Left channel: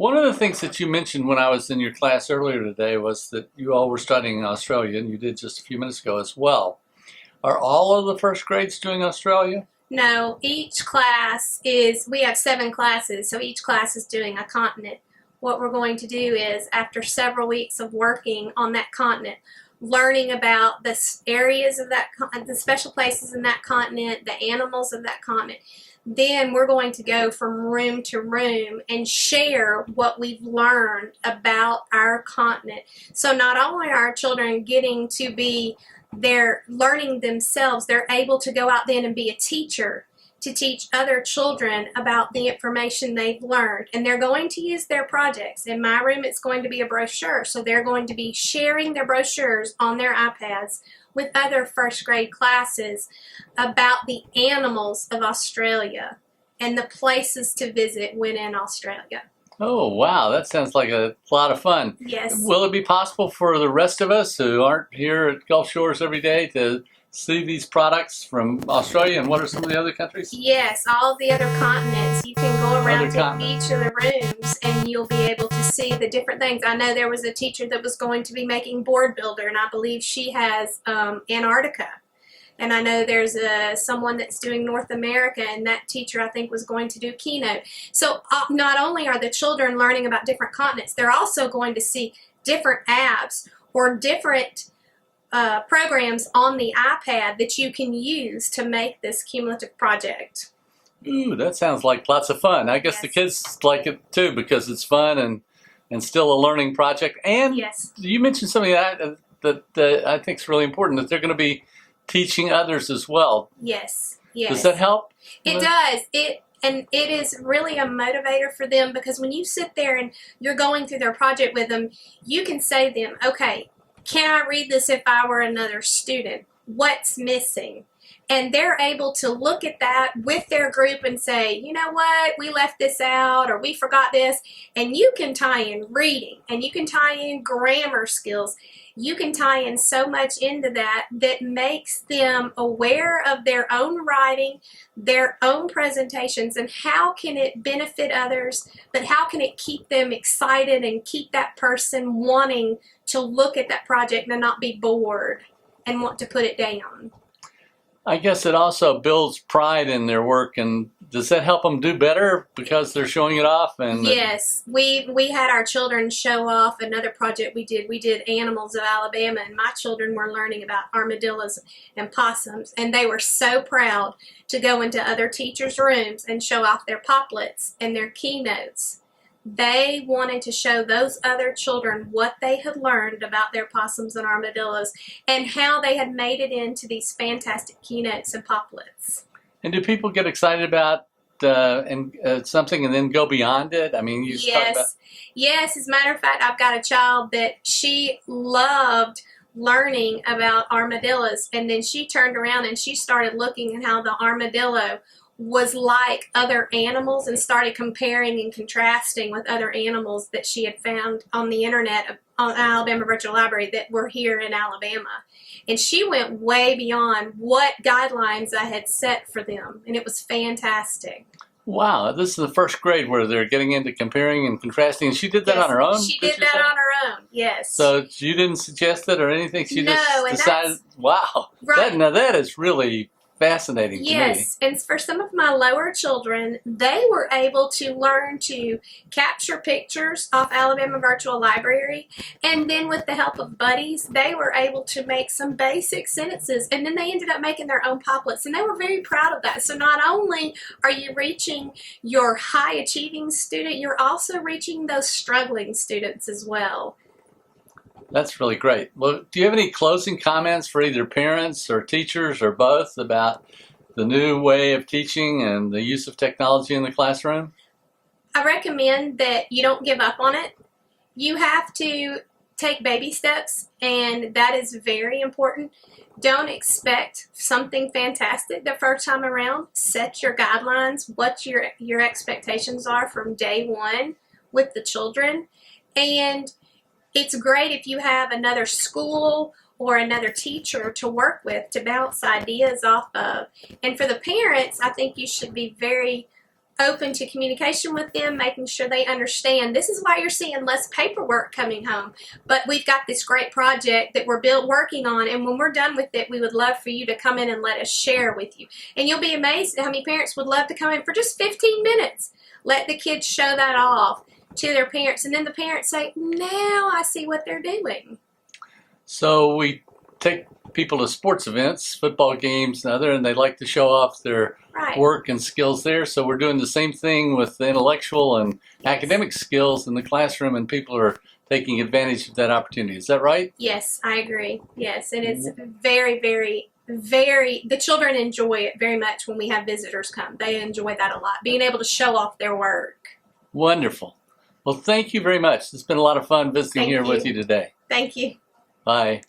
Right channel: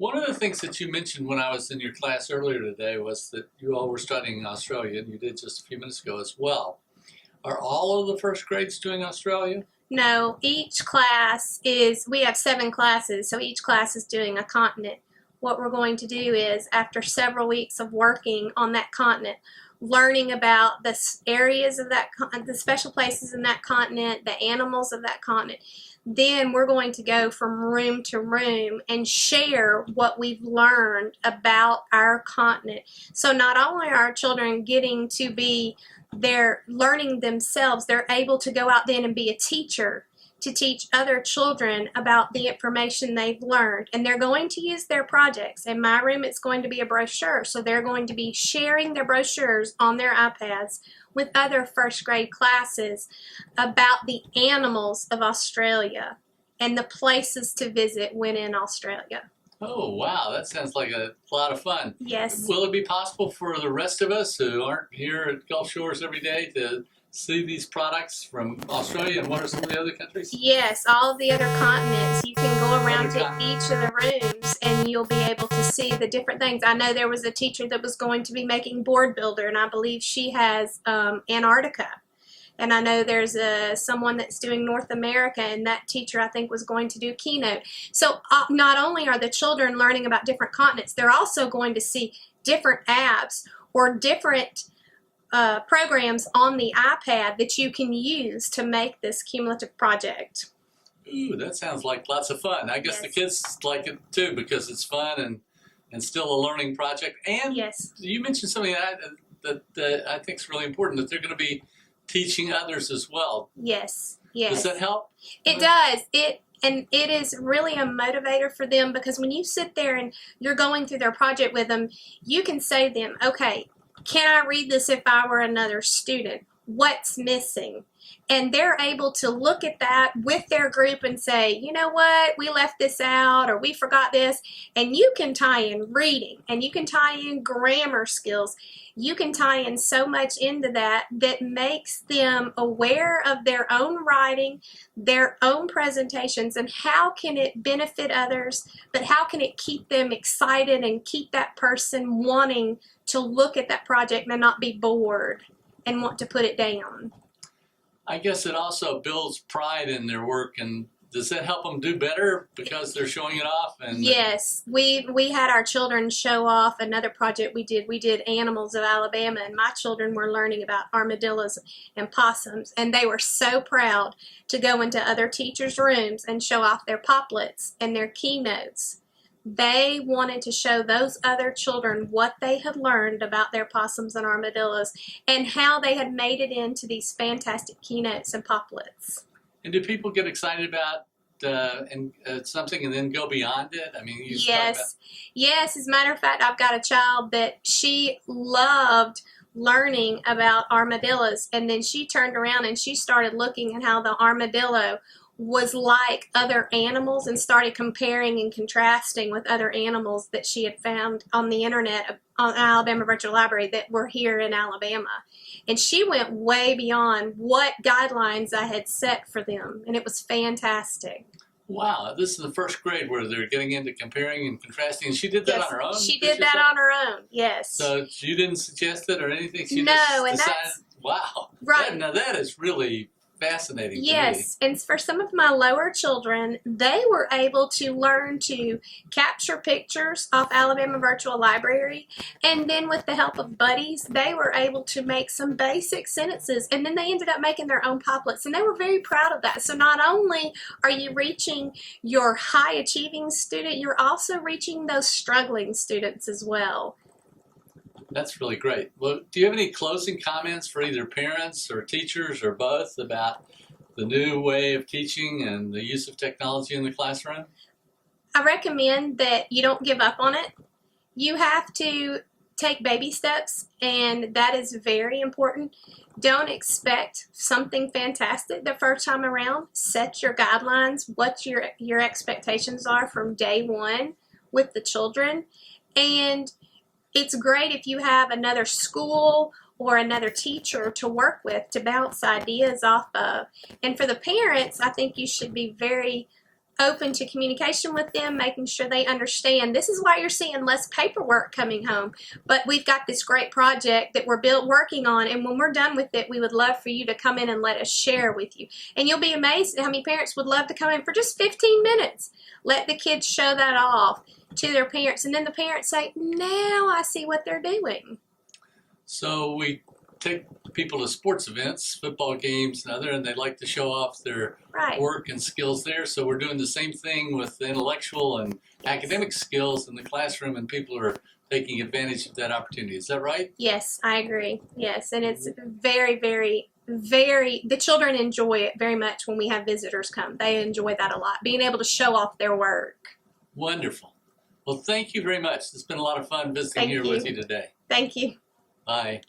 One of the things that you mentioned when I was in your class earlier today was that you all were studying in Australia, and you did just a few minutes ago as well. Are all of the first grades doing Australia? No, each class is, we have 7 classes, so each class is doing a continent. What we're going to do is, after several weeks of working on that continent, learning about the areas of that, the special places in that continent, the animals of that continent, then we're going to go from room to room and share what we've learned about our continent. So not only are our children getting to be, they're learning themselves, they're able to go out then and be a teacher to teach other children about the information they've learned. And they're going to use their projects. In my room, it's going to be a brochure. So they're going to be sharing their brochures on their iPads with other first grade classes about the animals of Australia and the places to visit when in Australia. Oh, wow, that sounds like a lot of fun. Yes. Will it be possible for the rest of us who aren't here at Gulf Shores every day to see these products from Australia, and what are some of the other countries? Yes, all the other continents. You can go around Other to continents. each of the rooms and you'll be able to see the different things. I know there was a teacher that was going to be making board builder, and I believe she has Antarctica. And I know there's someone that's doing North America, and that teacher I think was going to do keynote. So not only are the children learning about different continents, they're also going to see different apps or different programs on the iPad that you can use to make this cumulative project. Ooh, that sounds like lots of fun. I guess Yes. the kids like it too because it's fun and still a learning project. And Yes. you mentioned something that I think is really important, that they're going to be teaching others as well. Yes. Does that Yes. help? It does. And it is really a motivator for them, because when you sit there and you're going through their project with them, you can say to them, okay, can I read this if I were another student? What's missing? And they're able to look at that with their group and say, you know what, we left this out, or we forgot this. And you can tie in reading, and you can tie in grammar skills. You can tie in so much into that that makes them aware of their own writing, their own presentations, and how can it benefit others, but how can it keep them excited and keep that person wanting to look at that project and not be bored and want to put it down. I guess it also builds pride in their work, and does that help them do better because they're showing it off? And Yes, we had our children show off another project we did. We did animals of Alabama, and my children were learning about armadillos and possums, and they were so proud to go into other teachers' rooms and show off their poplets and their keynotes. They wanted to show those other children what they had learned about their possums and armadillos and how they had made it into these fantastic keynotes and poplets. And do people get excited about something and then go beyond it? I mean, you talk about. Yes, yes. As a matter of fact, I've got a child that she loved learning about armadillos, and then she turned around and she started looking at how the armadillo was like other animals and started comparing and contrasting with other animals that she had found on the internet on Alabama Virtual Library that were here in Alabama. And she went way beyond what guidelines I had set for them, and it was fantastic. Wow, this is the first grade where they're getting into comparing and contrasting. And she did that Yes, on her own? she did that on her own, yes. So you didn't suggest it or anything? She No, just and decided, that's wow. right. Now that is really fascinating to me. Yes, and for some of my lower children, they were able to learn to capture pictures off Alabama Virtual Library, and then with the help of buddies, they were able to make some basic sentences, and then they ended up making their own poplets, and they were very proud of that. So not only are you reaching your high achieving student, you're also reaching those struggling students as well. That's really great. Well, do you have any closing comments for either parents or teachers or both about the new way of teaching and the use of technology in the classroom? I recommend that you don't give up on it. You have to take baby steps, and that is very important. Don't expect something fantastic the first time around. Set your guidelines, what your expectations are from day one with the children. And it's great if you have another school or another teacher to work with to bounce ideas off of. And for the parents, I think you should be very open to communication with them, making sure they understand this is why you're seeing less paperwork coming home. But we've got this great project that we're working on, and when we're done with it, we would love for you to come in and let us share with you. And you'll be amazed at how many parents would love to come in for just 15 minutes. Let the kids show that off to their parents, and then the parents say, now I see what they're doing. So we take people to sports events, football games and other, and they like to show off their work and skills there. So we're doing the same thing with the intellectual and academic skills in the classroom, and people are taking advantage of that opportunity. Is that right? Yes, I agree. Yes, and it's very, very, very, the children enjoy it very much when we have visitors come. They enjoy that a lot, being able to show off their work. Wonderful. Well, thank you very much. It's been a lot of fun visiting here with you today. Thank you. Bye.